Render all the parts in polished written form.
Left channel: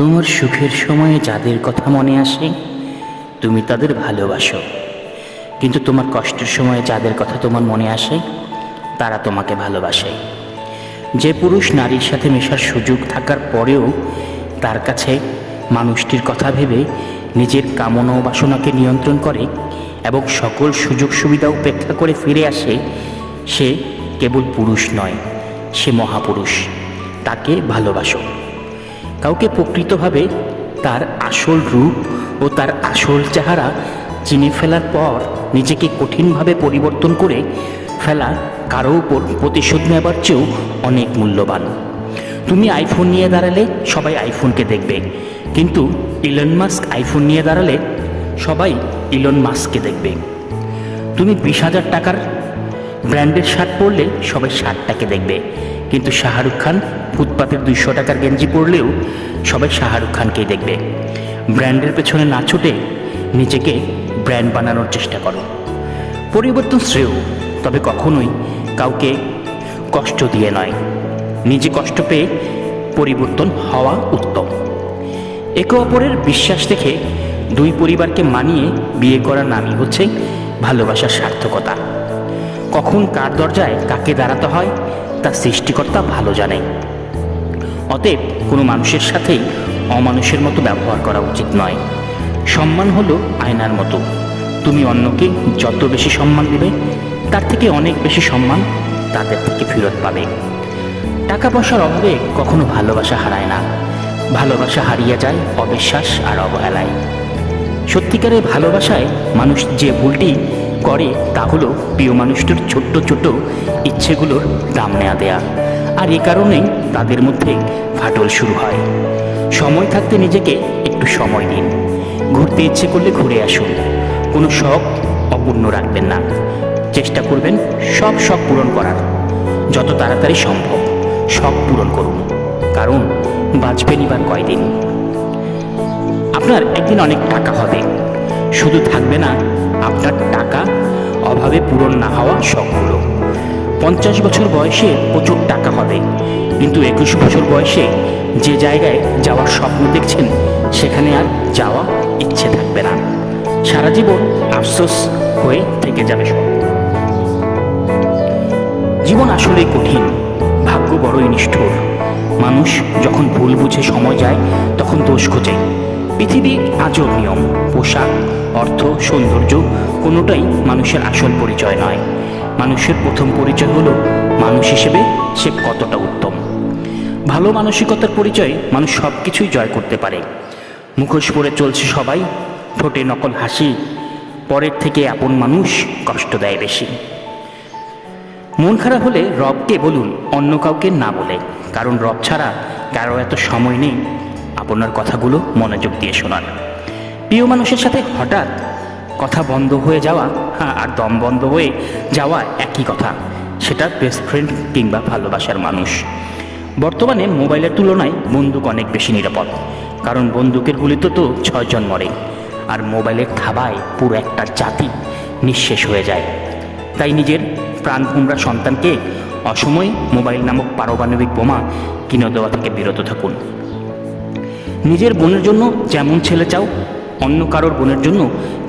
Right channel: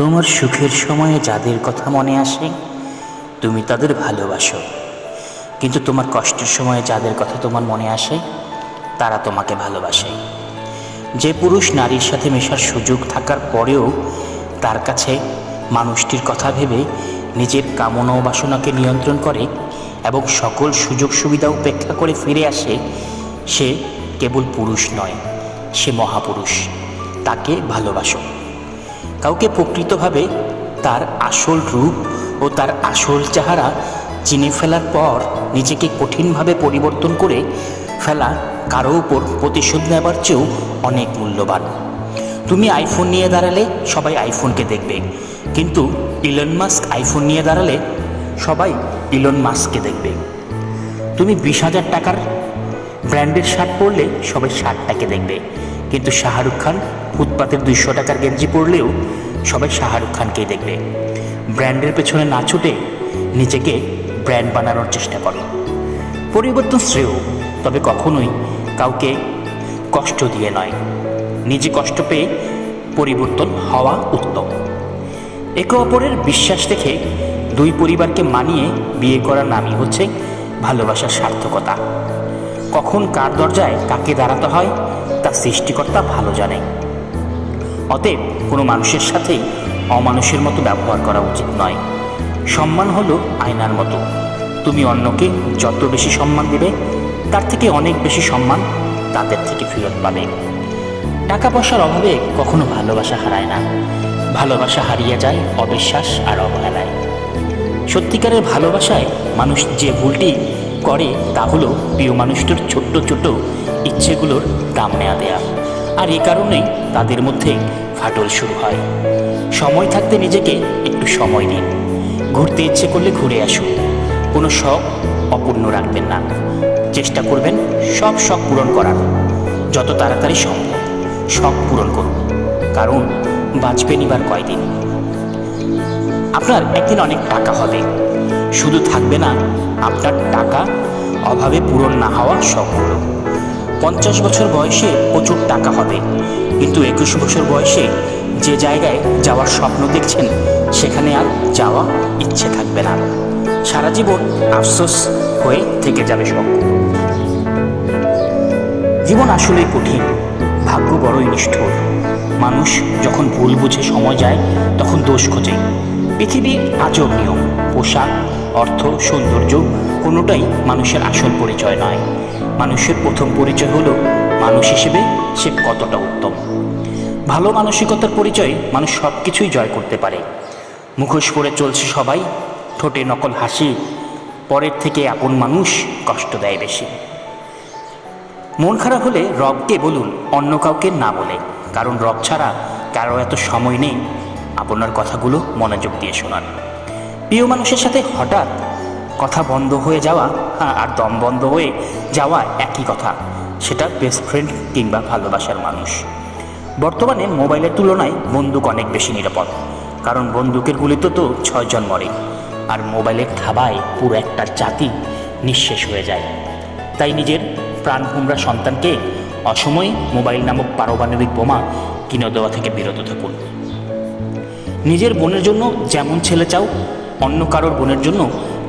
তোমার সুখের সময়ে যাদের কথা মনে আসে তুমি তাদের ভালোবাসো, কিন্তু তোমার কষ্টের সময়ে যাদের কথা তোমার মনে আসে তারা তোমাকে ভালোবাসে। যে পুরুষ নারীর সাথে মেশার সুযোগ থাকার পরেও তার কাছে মানুষটির কথা ভেবে নিজের কামনা ও বাসনাকে নিয়ন্ত্রণ করে এবং সকল সুযোগ সুবিধা উপেক্ষা করে ফিরে আসে, সে কেবল পুরুষ নয়, সে মহাপুরুষ। তাকে ভালোবাসো। কাউকে প্রকৃতভাবে তার আসল রূপ ও তার আসল চেহারা চিনে ফেলার পর নিজেকে কঠিনভাবে পরিবর্তন করে ফেলা কারো উপর প্রতিশোধ নেবার চেয়েও অনেক মূল্যবান। তুমি আইফোন নিয়ে দাঁড়ালে সবাই আইফোনকে দেখবে, কিন্তু ইলন মাস্ক আইফোন নিয়ে দাঁড়ালে সবাই ইলন মাস্ককে দেখবে। তুমি 20,000 টাকার ব্র্যান্ডের শার্ট পরলে সবাই শার্টটাকে দেখবে, কিন্তু শাহরুখ খান ফুটপাতের 200 টাকার গেঞ্জি পরলেও সবাই শাহরুখ খানকেই দেখবে। ব্র্যান্ডের পেছনে না ছুটে নিজেকে ব্র্যান্ড বানানোর চেষ্টা করো। পরিবর্তন শ্রেয়, তবে কখনোই কাউকে কষ্ট দিয়ে নয়। নিজে কষ্ট পেয়ে পরিবর্তন হওয়া উত্তম। একে অপরের বিশ্বাস রেখে দুই পরিবারকে মানিয়ে বিয়ে করার নামই হচ্ছে ভালোবাসার সার্থকতা। কখন কার দরজায় কাকে দাঁড়াতে হয় তা সৃষ্টিকর্তা ভালো জানে। অতএব কোনো মানুষের সাথেই অমানুষের মতো ব্যবহার করা উচিত নয়। সম্মান হলো আয়নার মতো, তুমি অন্যকে যত বেশি সম্মান দিবে তার থেকে অনেক বেশি সম্মান তাদের থেকে ফেরত পাবে। টাকা পয়সার অভাবে কখনো ভালোবাসা হারায় না, ভালোবাসা হারিয়ে যায় অবিশ্বাস আর অবহেলায়। সত্যিকারের ভালোবাসায় মানুষ যে ভুলটি করে তা হলো প্রিয় মানুষটির ছোট্ট ছোট্ট ইচ্ছেগুলোর দাম নেওয়া দেয়া, আর এ কারণেই তাদের মধ্যে ফাটল শুরু হয়। সময় থাকতে নিজেকে একটু সময় দিন। ঘুরতে ইচ্ছে করলে ঘুরে আসুন, কোনো শখ অপূর্ণ রাখবেন না। চেষ্টা করবেন সব শখ পূরণ করার, যত তাড়াতাড়ি সম্ভব শখ পূরণ করুন, কারণ বাঁচবেন এবার কয়দিন। আপনার একদিন অনেক টাকা হবে, শুধু থাকবে না আপনার টাকা অভাবে পূরণ না হওয়া শখগুলো। 50 বছর বয়সে প্রচুর টাকা হবে, কিন্তু 21 বছর বয়সে যে জায়গায় যাওয়ার স্বপ্ন দেখছেন সেখানে আর যাওয়া ইচ্ছে থাকবে না। সারা জীবন আফসোস হয়ে থেকে যাবে সব। জীবন আসলেই কঠিন, ভাগ্য বড়ই নিষ্ঠুর। মানুষ যখন ভুল বুঝে সময় যায় তখন দোষ খোঁজে। পৃথিবী আজব নিয়ম। পোশাক, অর্থ, সৌন্দর্য কোনোটাই মানুষের আসল পরিচয় নয়। মানুষের প্রথম পরিচয় হলো মানুষ হিসেবে সে কতটা উত্তম। ভালো মানসিকতার পরিচয়ে মানুষ সব কিছুই জয় করতে পারে। মুখোশ পরে চলছে সবাই, ঠোঁটে নকল হাসি, পরের থেকে আপন মানুষ কষ্ট দেয় বেশি। মন খারাপ হলে রবকে বলুন, অন্য কাউকে না বলে, কারণ রব ছাড়া কারো এত সময় নেই আপনার কথাগুলো মনোযোগ দিয়ে শোনার। প্রিয় মানুষের সাথে হঠাৎ কথা বন্ধ হয়ে যাওয়া আর দম বন্ধ হয়ে যাওয়া একই কথা, সেটা বেস্ট ফ্রেন্ড কিংবা ভালোবাসার মানুষ। বর্তমানে মোবাইলের তুলনায় বন্দুক অনেক বেশি নিরাপদ, কারণ বন্দুকের গুলিতে তো 6 জন মরে, আর মোবাইলের থাবায় পুরো একটা জাতি নিঃশেষ হয়ে যায়। তাই নিজের প্রাণভোমরা সন্তানকে অসময়ে মোবাইল নামক পারমাণবিক বোমা কিনে দেওয়া থেকে বিরত থাকুন। নিজের বোনের জন্য যেমন ছেলে চাও, অন্য কারোর বোনের জন্য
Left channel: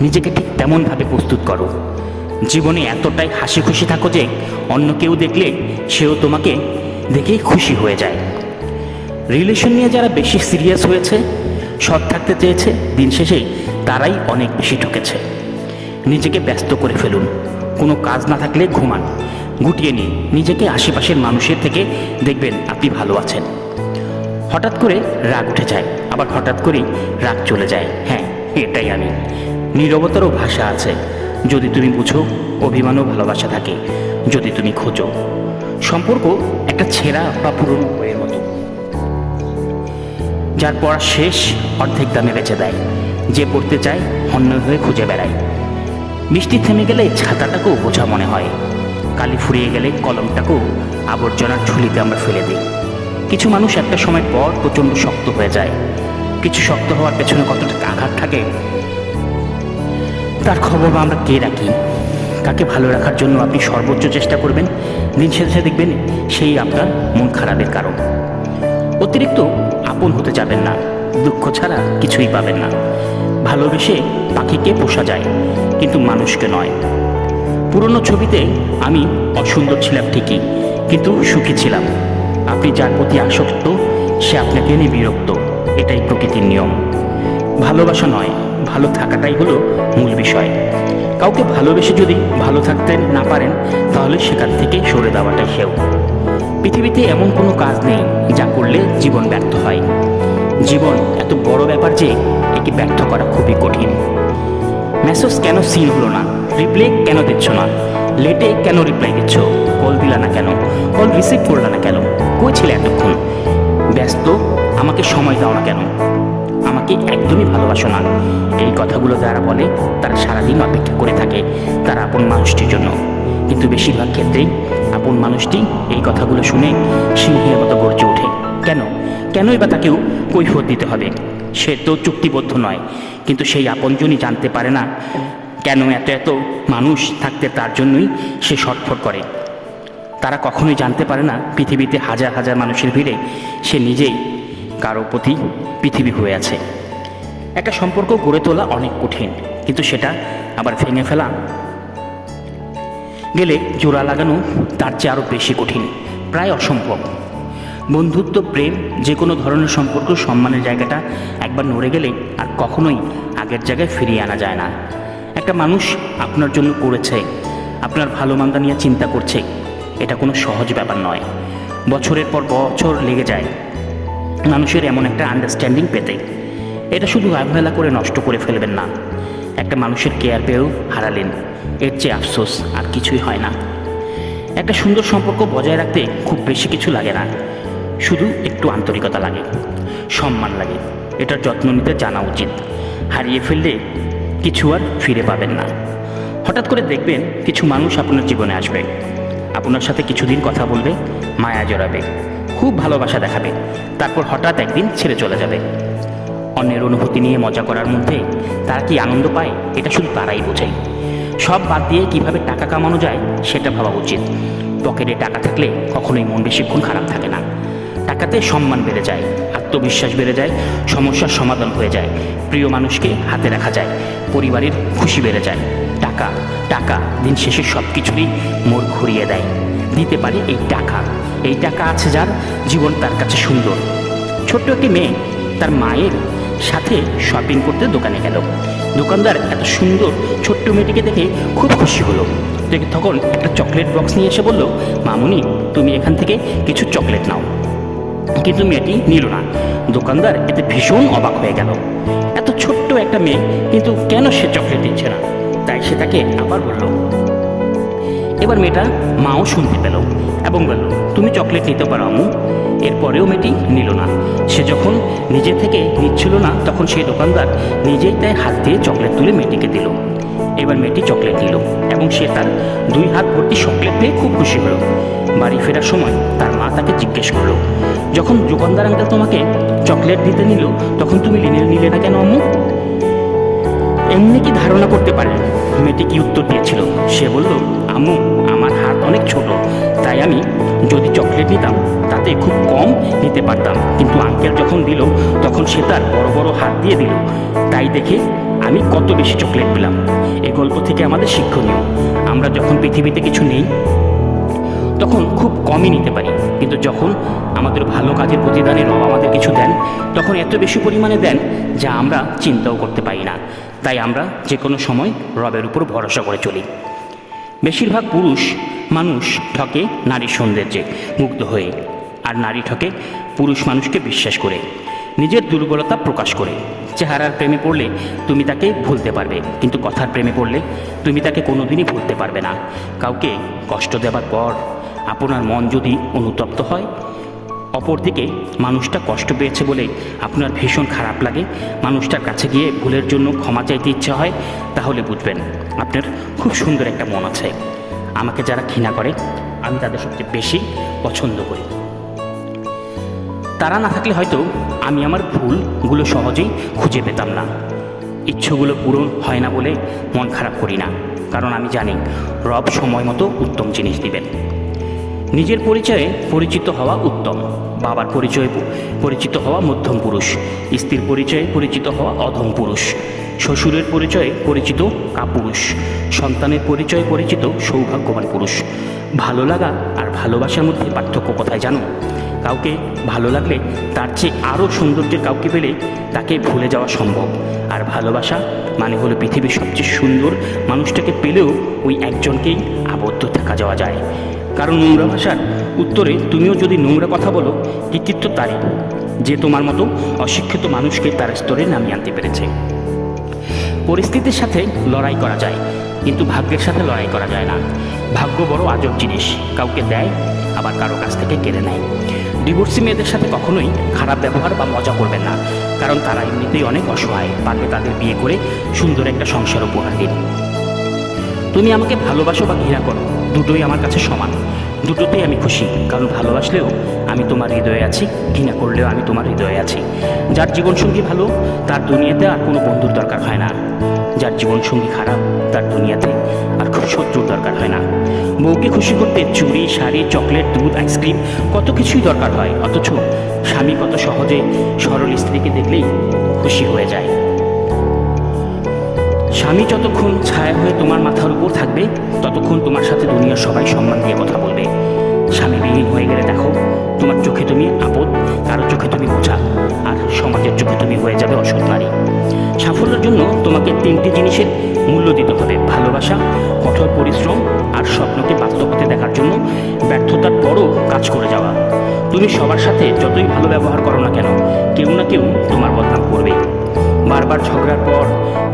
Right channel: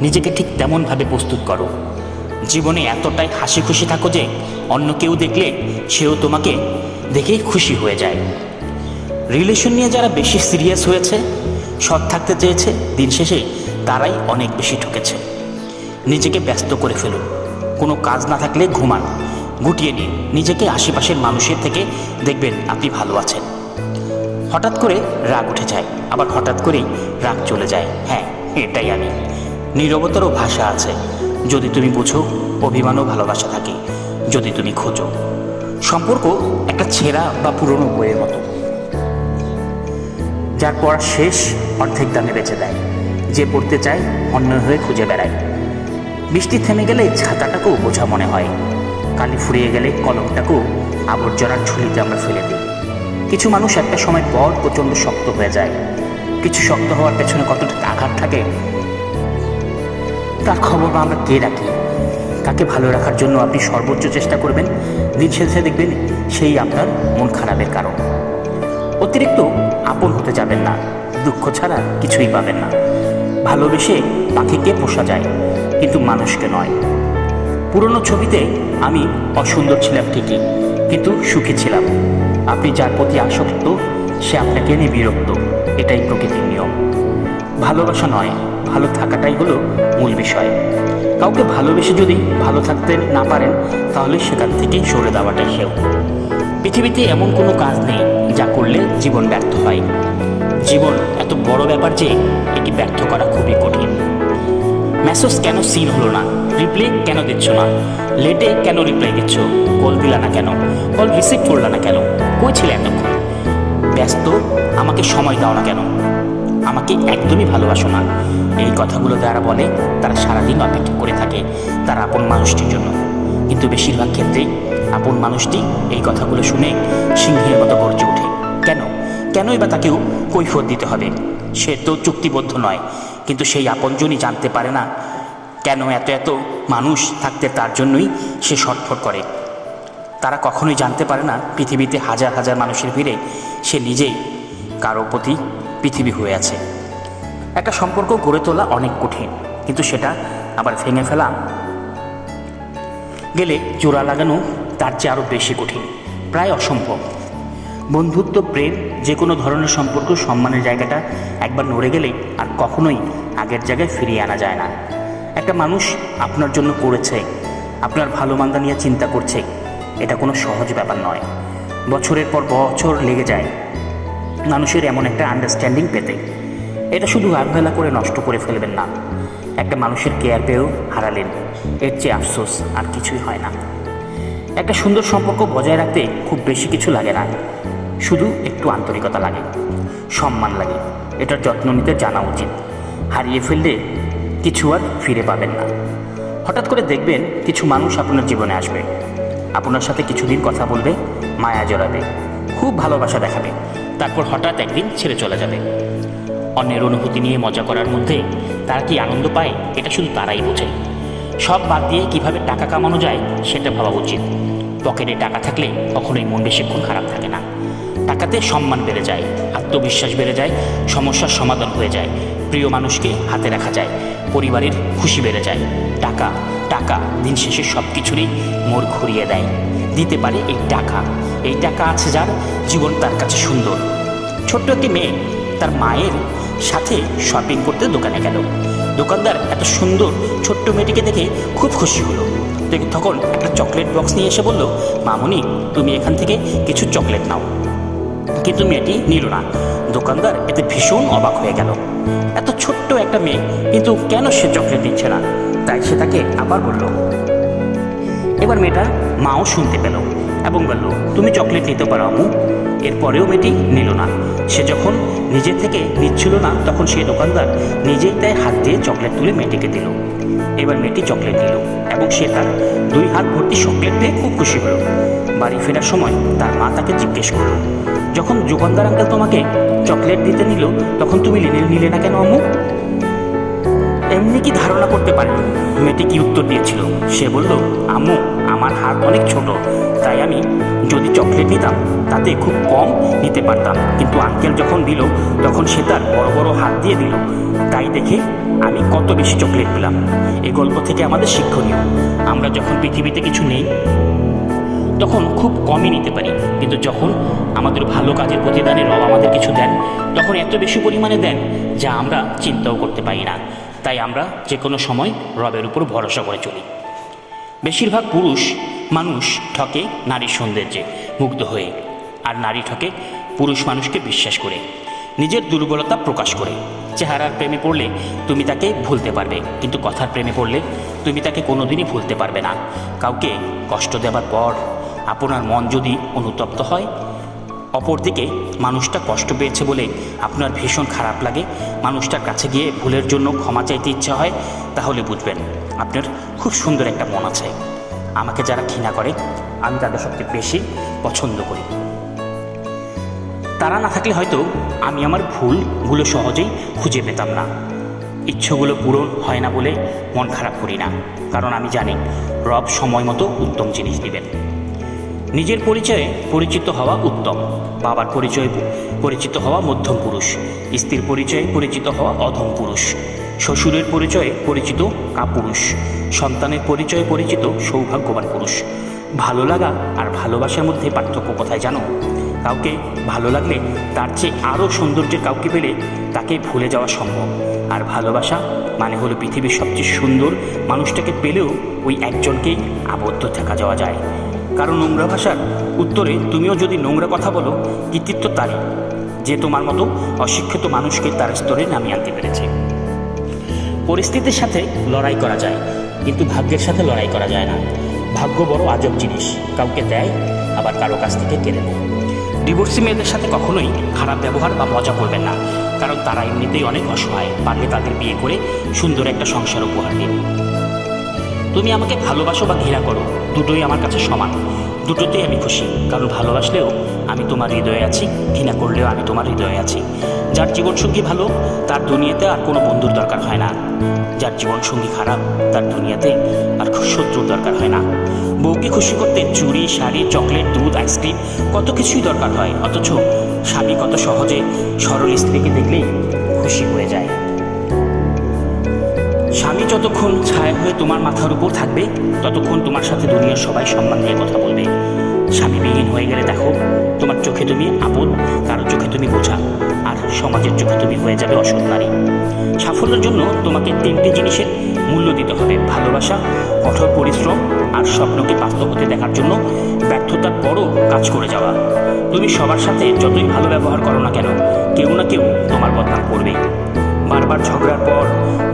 নিজেকে ঠিক তেমনভাবে প্রস্তুত করো। জীবনে এতটাই হাসি খুশি থাকো যে অন্য কেউ দেখলে সেও তোমাকে দেখেই খুশি হয়ে যায়। রিলেশন নিয়ে যারা বেশি সিরিয়াস হয়েছে, সৎ থাকতে চেয়েছে, দিন শেষে তারাই অনেক বেশি ঠকেছে। নিজেকে ব্যস্ত করে ফেলুন। কোনো কাজ না থাকলে ঘুমান, গুটিয়ে নিন নিজেকে আশেপাশের মানুষের থেকে, দেখবেন আপনি ভালো আছেন। হঠাৎ করে রাগ উঠে যায়, আবার হঠাৎ করেই রাগ চলে যায়। হ্যাঁ, এটাই আমি। নীরবতারও ভাষা আছে, যদি তুমি বুঝো। অভিমানও ভালোবাসা থাকে, যদি তুমি খোঁজো। সম্পর্ক একটা ছেঁড়া বা পুরনো বইয়ের মতো, যার পড়া শেষ অর্ধেক দামে বেচে দেয়। যে পড়তে চায় হন্যে হয়ে খুঁজে বেড়ায়। বৃষ্টি থেমে গেলে ছাতাটাকেও বোঝা মনে হয়, কালি ফুরিয়ে গেলে কলমটাকেও আবর্জনার ঝুলিতে আমরা ফেলে দিই। কিছু মানুষ একটা সময় পর প্রচণ্ড শক্ত হয়ে যায়। কিছু শক্ত হওয়ার পেছনে কতটা আঘাত থাকে তার খবর আমরা কে রাখি। তাকে ভালো রাখার জন্য আপনি সর্বোচ্চ চেষ্টা করবেন, দিন শেষে দেখবেন সেই আপনার মন খারাপের কারণ। অতিরিক্ত আপন হতে যাবেন না, দুঃখ ছাড়া কিছুই পাবেন না। ভালোবেসে পাখিকে পোষা যায়, কিন্তু মানুষকে নয়। পুরনো ছবিতে আমি অসুন্দর ছিলাম ঠিকই, কিন্তু সুখী ছিলাম। আপনি যার প্রতি আসক্ত সে আপনাকে নিয়ে বিরক্ত, এটাই প্রকৃতির নিয়ম। ভালোবাসা নয়, ভালো থাকাটাই হলো মূল বিষয়। কাউকে ভালোবেসে যদি ভালো থাকতে না পারেন, তাহলে সেখান থেকে সরে দেওয়াটাই সেও। পৃথিবীতে এমন কোনো কাজ নেই যা করলে জীবন ব্যর্থ হয়। জীবন এত বড় ব্যাপার যে একে ব্যর্থ করা খুবই কঠিন। মেসেজ কেন সিন হলো না? রিপ্লাই কেন দিচ্ছ না? লেটে কেন রিপ্লাই দিচ্ছ? কল দিলা না কেন? কল রিসিভ করলা না কেন? কই ছিলে এতক্ষণ? ব্যস্ত, আমাকে সময় দাও না কেন? আমাকে একদমই ভালোবাসো না। এই কথাগুলো যারা বলে তারা সারাদিন অপেক্ষা করে থাকে তার আপন মানুষটির জন্য, কিন্তু বেশিরভাগ ক্ষেত্রেই আপন মানুষটি এই কথাগুলো শুনে সিংহের মতো গর্জে ওঠে। কেনই বা তাকেও কৈফিয়ত দিতে হবে? সে তো চুক্তিবদ্ধ নয়, কিন্তু সেই আপনজনই জানতে পারে না কেন এত মানুষ থাকতে তার জন্যই সে ছটফট করে। তারা কখনোই জানতে পারে না পৃথিবীতে হাজার হাজার মানুষের ভিড়ে সে নিজেই কারো প্রতি পৃথিবী হয়ে আছে। একটা সম্পর্ক গড়ে তোলা অনেক কঠিন, কিন্তু সেটা আবার ভেঙে ফেলা গেলে জোড়া লাগানো তার চেয়ে আরও বেশি কঠিন, প্রায় অসম্ভব। বন্ধুত্ব, প্রেম, যে কোনো ধরনের সম্পর্ক সম্মানের জায়গাটা একবার নড়ে গেলে আর কখনোই আগের জায়গায় ফিরিয়ে আনা যায় না। একটা মানুষ আপনার জন্য করেছে, আপনার ভালো মন্দ নিয়ে চিন্তা করছে, এটা কোনো সহজ ব্যাপার নয়। বছরের পর বছর লেগে যায় মানুষের এমন একটা আন্ডারস্ট্যান্ডিং পেতে। এটা শুধু অবহেলা করে নষ্ট করে ফেলবেন না। একটা মানুষের কেয়ার পেয়েও হারালেন, এর চেয়ে আফসোস আর কিছুই হয় না। একটা সুন্দর সম্পর্ক বজায় রাখতে খুব বেশি কিছু লাগে না, শুধু একটু আন্তরিকতা লাগে, সম্মান লাগে। এটার যত্ন নিতে জানা উচিত। হারিয়ে ফেললে কিছু আর ফিরে পাবেন না। হঠাৎ করে দেখবেন কিছু মানুষ আপনার জীবনে আসবে, আপনার সাথে কিছুদিন কথা বলবে, মায়া জড়াবে, খুব ভালোবাসা দেখাবে, তারপর হঠাৎ একদিন ছেড়ে চলে যাবে। অন্যের অনুভূতি নিয়ে মজা করার মধ্যে তারা কি আনন্দ পায়, এটা শুধু তারাই বোঝে। সব বাদ দিয়ে কিভাবে টাকা কামানো যায় সেটা ভাবা উচিত। পকেটে টাকা থাকলে কখনোই মন বেশিক্ষণ খারাপ থাকে না। টাকাতে সম্মান বেড়ে যায়, আত্মবিশ্বাস বেড়ে যায়, সমস্যার সমাধান হয়ে যায়, প্রিয় মানুষকে হাতে রাখা যায়, পরিবারের খুশি বেড়ে যায়। টাকা টাকা দিন শেষে সব কিছুরই মোড় ঘুরিয়ে দেয়। দিতে পারে এই টাকা আছে যার, জীবন তার কাছে সুন্দর। ছোট্ট একটি মেয়ে তার মায়ের সাথে শপিং করতে দোকানে গেল। দোকানদার এত সুন্দর ছোট্ট মেয়েটিকে দেখে খুব খুশি হলো। তখন একটা চকলেট বক্স নিয়ে এসে বলল, মামুনি তুমি এখান থেকে কিছু চকলেট নাও। কিন্তু মেয়েটি নিল না। দোকানদার এতে ভীষণ অবাক হয়ে গেল। এত ছোট্ট একটা মেয়ে, কিন্তু কেন সে চকলেট দিচ্ছে না? তাই সে তাকে আবার বলল। এবার মেয়েটা মাও শুনতে পেল এবং বলল, তুমি চকলেট নিতে পারো আম্মু। এরপরেও মেয়েটি নিল না। সে যখন নিজে থেকে নিচ্ছিল না, তখন সেই দোকানদার নিজেই তাই হাত দিয়ে চকলেট তুলে মেয়েটিকে দিল। এবার মেয়েটি চকলেট দিল এবং সে তার 2 হাত ভর্তি চকলেট পেয়ে খুব খুশি হলো। বাড়ি ফেরার সময় তার মা তাকে জিজ্ঞেস করলো, যখন দোকানদার আঙ্কেল তোমাকে চকলেট দিতে নিল তখন তুমি নিলে না কেন আম্মু? এমনি কি ধারণা করতে পারেন মেয়েটি কি উত্তর দিয়েছিল? সে বলল, আম্মু আমার হাত অনেক ছোট, তাই আমি যদি চকলেট নিতাম তাতে খুব কম নিতে পারতাম, কিন্তু আঙ্কেল যখন দিল তখন সে তার বড় বড় হাত দিয়ে দিল, তাই দেখে আমি কত বেশি চকলেট পেলাম। এই গল্প থেকে আমাদের শিক্ষণীয়, আমরা যখন পৃথিবীতে কিছু নেই তখন খুব কমই নিতে পারি, কিন্তু যখন আমাদের ভালো কাজের প্রতিদানে রব আমাদের কিছু দেন তখন এত বেশি পরিমাণে দেন যা আমরা চিন্তাও করতে পারি না। তাই আমরা যে কোনো সময় রবের উপর ভরসা করে চলি। বেশিরভাগ পুরুষ মানুষ ঠকে নারীর সৌন্দর্যে মুগ্ধ হয়ে, আর নারী ঠকে পুরুষ মানুষকে বিশ্বাস করে, নিজের দুর্বলতা প্রকাশ করে। চেহারার প্রেমে পড়লে তুমি তাকে ভুলতে পারবে, কিন্তু কথার প্রেমে পড়লে তুমি তাকে কোনোদিনই ভুলতে পারবে না। কাউকে কষ্ট দেওয়ার পর আপনার মন যদি অনুতপ্ত হয়, অপরদিকে মানুষটা কষ্ট পেয়েছে বলে আপনার ভীষণ খারাপ লাগে, মানুষটার কাছে গিয়ে ভুলের জন্য ক্ষমা চাইতে ইচ্ছে হয়, তাহলে বুঝবেন আপনার খুব সুন্দর একটা মন আছে। আমাকে যারা ঘৃণা করে আমি তাদের সবচেয়ে বেশি পছন্দ করি। তারা না থাকলে হয়তো আমি আমার ভুলগুলো সহজেই খুঁজে পেতাম না। ইচ্ছেগুলো পূরণ হয় না বলে মন খারাপ করি না, কারণ আমি জানি রব সময় মতো উত্তম জিনিস দিবেন। নিজের পরিচয়ে পরিচিত হওয়া উত্তম, বাবার পরিচয়ে পরিচিত হওয়া মধ্যম পুরুষ, স্ত্রীর পরিচয়ে পরিচিত হওয়া অধম পুরুষ, শ্বশুরের পরিচয়ে পরিচিত কাপুরুষ, সন্তানের পরিচয়ে পরিচিত সৌভাগ্যবান পুরুষ। ভালো লাগা আর ভালোবাসার মধ্যে পার্থক্য কোথায় জানো? কাউকে ভালো লাগলে তার চেয়ে আরও সৌন্দর্যের কাউকে পেলে তাকে ভুলে যাওয়া সম্ভব। আর ভালোবাসা মানে হলো পৃথিবীর সবচেয়ে সুন্দর মানুষটাকে পেলেও ওই একজনকেই আবদ্ধ থাকা যাওয়া যায়। কারণ নোংরা ভাষার উত্তরে তুমিও যদি নোংরা কথা বলো, কৃতিত্ব তারই যে তোমার মতো অশিক্ষিত মানুষকে তার স্তরে নামিয়ে আনতে পেরেছে। পরিস্থিতির সাথে লড়াই করা যায়, কিন্তু ভাগ্যের সাথে লড়াই করা যায় না। ভাগ্য বড় আজব জিনিস, কাউকে দেয় আবার কারো কাছ থেকে কেড়ে নেয়। ডিভোর্সি মেয়েদের সাথে কখনোই খারাপ ব্যবহার বা মজা করবেন না, কারণ তারা এমনিতেই অনেক অসহায়। পারলে তাদের বিয়ে করে সুন্দর একটা সংসার উপহার দিন। তুমি আমাকে ভালোবাসো বা ঘৃণা করো, দুটোই আমার কাছে সমান। দুটোতেই আমি খুশি, কারণ ভালোবাসলেও আমি তোমার হৃদয়ে আছি, ঘৃণা করলেও আমি তোমার হৃদয়ে আছি। যার জীবনসঙ্গী ভালো, তার দুনিয়াতে আর কোনো বন্ধুর দরকার হয় না। যার জীবনসঙ্গী খারাপ, তার দুনিয়াতে আর শত্রুর দরকার হয় না। বউকে খুশি করতে চুড়ি, শাড়ি, চকলেট, দুধ, আইসক্রিম কত কিছুই দরকার হয়, অথচ স্বামী কত সহজে সরল স্ত্রীকে দেখলেই খুশি হয়ে যায়। স্বামী যতক্ষণ ছায়া হয়ে তোমার মাথার উপর থাকবে, ততক্ষণ তোমার সাথে দুনিয়ার সবাই সম্মান দিয়ে কথা বলবে। স্বামী বিহীন হয়ে গেলে দেখো, তোমার চোখে তুমি আপদ, কারো চোখে তুমি বোঝা, আর সমাজের চোখে তুমি হয়ে যাবে অসৎ নারী। সাফল্যের জন্য তোমাকে 3টি জিনিসের মূল্য দিতে হবে: ভালোবাসা, কঠোর পরিশ্রম, আর স্বপ্নকে বাস্তব হতে দেখার জন্য ব্যর্থতার পরও কাজ করে যাওয়া। তুমি সবার সাথে যতই ভালো ব্যবহার করো না কেন, কেউ না কেউ তোমার বদনাম করবে। বারবার ঝগড়ার পর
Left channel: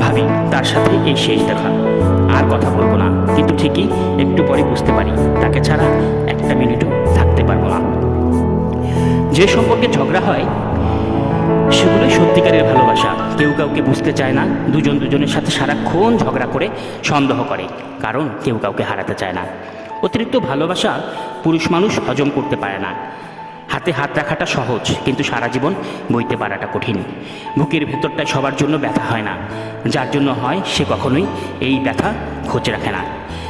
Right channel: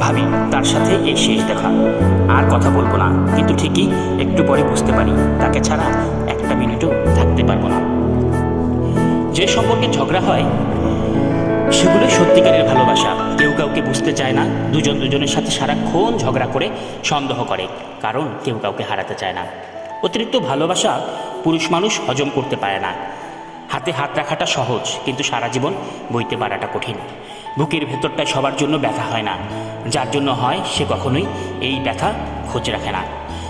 ভাবি তার সাথে এই শেষ দেখা, আর কথা বলবো না, কিন্তু ঠিকই একটু পরে বুঝতে পারি তাকে ছাড়া একটা মিনিটও থাকতে পারবো না। যে সম্পর্কে ঝগড়া হয় সেগুলোই সত্যিকারের ভালোবাসা। কেউ কাউকে বুঝতে চায় না, দুজন দুজনের সাথে সারাক্ষণ ঝগড়া করে সন্দেহ করে, কারণ কেউ কাউকে হারাতে চায় না। অতিরিক্ত ভালোবাসা পুরুষ মানুষ হজম করতে পারে না। হাতে হাত রাখাটা সহজ, কিন্তু সারা জীবন বইতে পারাটা কঠিন। বুকের ভেতরটায় সবার জন্য ব্যথা হয় না, যার জন্য হয় সে কখনোই এই ব্যথা খোঁজ রাখে না।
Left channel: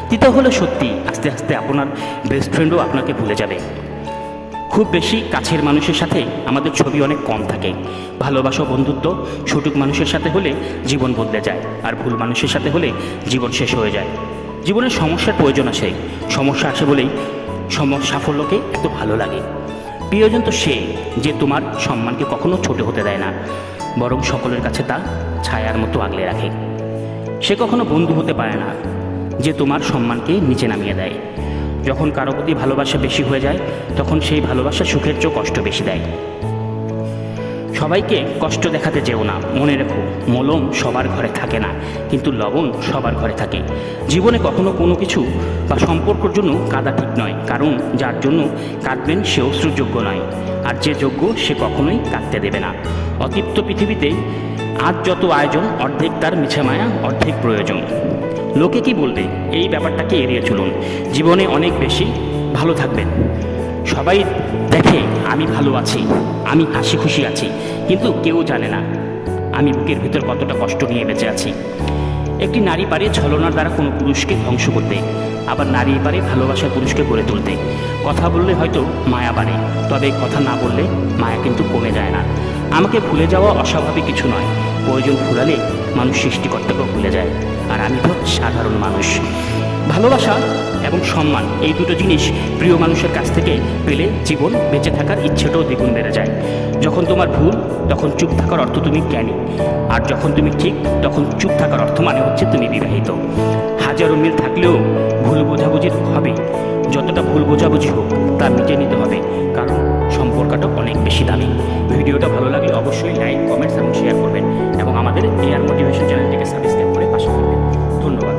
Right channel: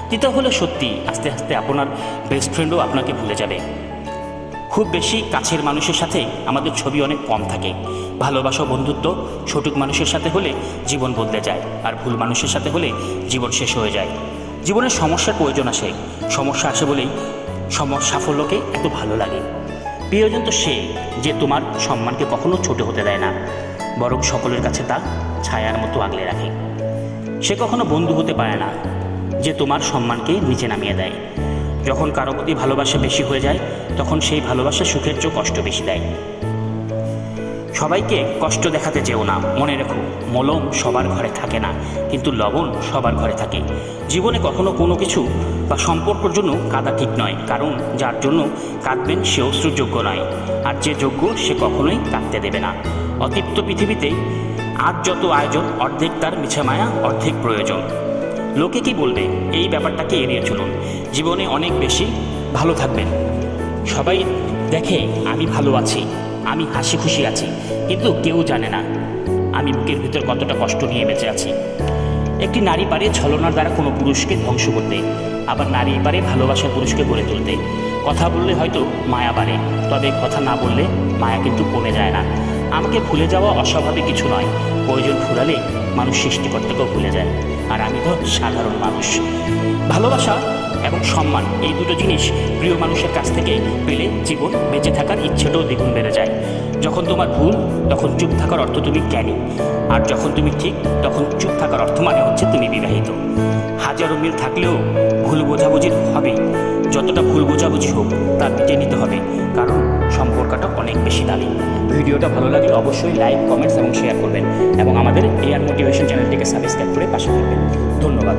দ্বিতীয় হলো সত্যি, আস্তে আস্তে আপনার বেস্ট ফ্রেন্ডও আপনাকে ভুলে যাবে। খুব বেশি কাছের মানুষের সাথে আমাদের ছবি অনেক কম থাকে। ভালোবাসা, বন্ধুত্ব সঠিক মানুষের সাথে হলে জীবন বদলে যায়, আর ভুল মানুষের সাথে হলে জীবন শেষ হয়ে যায়। জীবনের সমস্যার প্রয়োজন আসে, সমস্যা আছে বলেই সাফল্যকে এত ভালো লাগে। প্রিয়জন তো সে যে তোমার সম্মানকে কখনো ছোট হতে দেয় না, বরং সকলের কাছে তা ছায়ার মতো আগলে রাখে। সে কখনো বন্ধু হতে পারে না যে তোমার সম্মানকে নিচে নামিয়ে দেয়। যখন কারো প্রতি ভালোবাসা বেশি হয়ে যায়, তখন সেই ভালোবাসা সুখের চেয়ে কষ্ট বেশি দেয়। সবাইকে কষ্ট দেখাতে যেও না, মনে রেখো মলম সবার ঘরে থাকে না, কিন্তু লবণ সবার ঘরে থাকে। জীবনে কখনো কোনো কিছু বা সম্পর্কের জন্য কাঁদা ঠিক নয়, কারণ যার জন্য কাঁদবেন সে অশ্রুযোগ্য নয়, আর যে যোগ্য সে কখনোই কাঁদতে দেবে না। অতৃপ্ত পৃথিবীতে আজ যত আয়োজন, অর্ধেক তার মিছে মায়া, অর্ধেক প্রয়োজন। লোকে কি বলবে, এই ব্যাপারটাকে এড়িয়ে চলুন। জীবনে অনেক বেশি ভালো থাকবেন। সবাই দেখে আমি ভালো আছি, আমি হাসি খুশি আছি, কিন্তু কেউ জানে না আমি বুকের ভিতর কতটা কষ্ট নিয়ে বেঁচে আছি। একটি নারী পারে ছলনার দ্বারা কোনো পুরুষকে ধ্বংস করতে, আবার নারী পারে ভালোবাসার পুরুষকে গড়ে তুলতে। কথা বললে হয়তো মায়া বাড়ে, তবে কথা না বললে মায়া কিন্তু কমে যায় না। আমাকে ভুলে যাওয়া অস্বাভাবিক কিছু নয়, প্রয়োজন ফুরালে মানুষ সৃষ্টিকর্তাকেও ভুলে যায়, আর আমি তো সাধারণ মানুষ। ভালোবাসা এবং সম্মান, এই দুটো জিনিস প্রিয় মানুষের কাছ থেকে পেলে জীবন বেঁচে থাকার ইচ্ছেটাও দ্বিগুণ বেড়ে যায়। যখন তোমার ভুল, তখন চুপ থাকার অর্থ তুমি জ্ঞানী, আর যখন তুমি ঠিক, তখন চুপ থাকার অর্থ মানে হচ্ছে তুমি বিবাহিত। হাজারো মিল থাকলেও ভুল বোঝাবুঝি হবে, যতটা ভুল বোঝাবুঝি হোক তা মিটে নিতে হবে, কারণ সম্পর্কটা অনেক বেশি দামি। ভিডিওটা ভালো লাগলে অবশ্যই লাইক, কমেন্টস এবং শেয়ার করবেন, এবং আমাদের এআর মোটিভেশন চ্যানেলটিকে সাবস্ক্রাইব করে পাশে থাকবেন। ধন্যবাদ।